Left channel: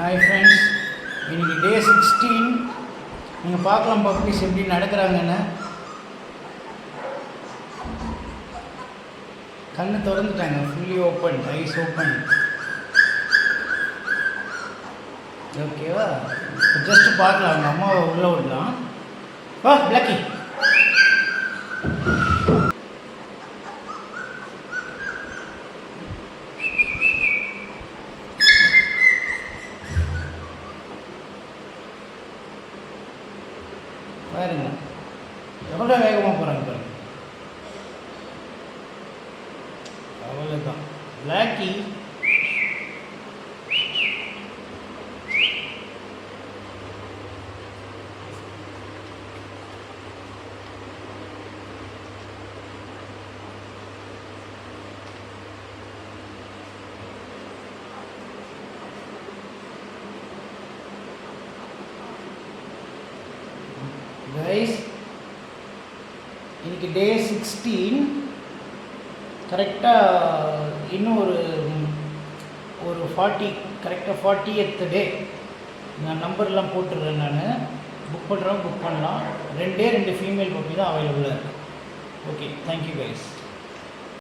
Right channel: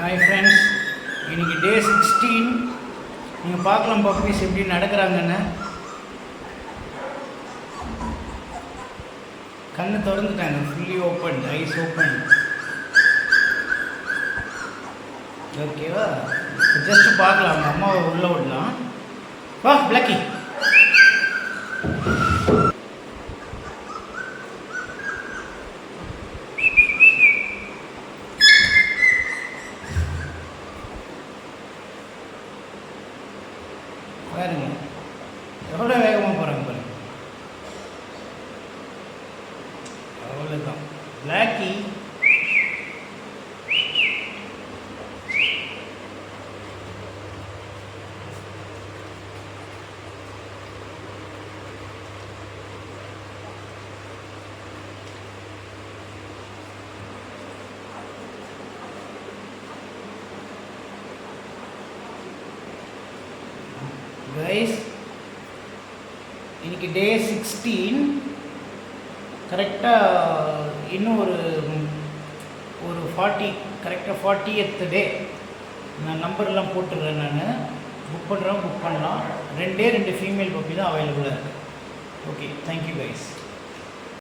Hi friends, இன்றைக்கி டே 16. நீங்கள் பார்க்கலாம் பப்பீஸ் எப்படி நடக்கிறாங்கன்னு. கண்ணு திறந்துட்டாங்க, ஃபுல்லி ஓப்பன், ஐஸ் ஓப்பன். ஓகேவா? ஜஸ்ட்டு பார்க்கலாம், அவங்க அம்மாவை உள்ளே விடலாம். வா பிளாக்கி. பாருங்க எவ்வளோ வேகமாக போகிறாங்க பாருங்க. அவ்வளோதான் பிளாக்கி. கைஸ், இன்னைக்கு டே 16. கரெக்டாக இன்னும் ஒரு 40, கரெக்டாக 40th டே. நான் நம்பர்லாம் போட்டுடுறேன். நான் புக் பண்ணுறேன், புக் பண்ணலாம். 2 ஃபீமேல் பப்பி தான் அவைலபிளாக இருக்குது. Okay, thank you guys.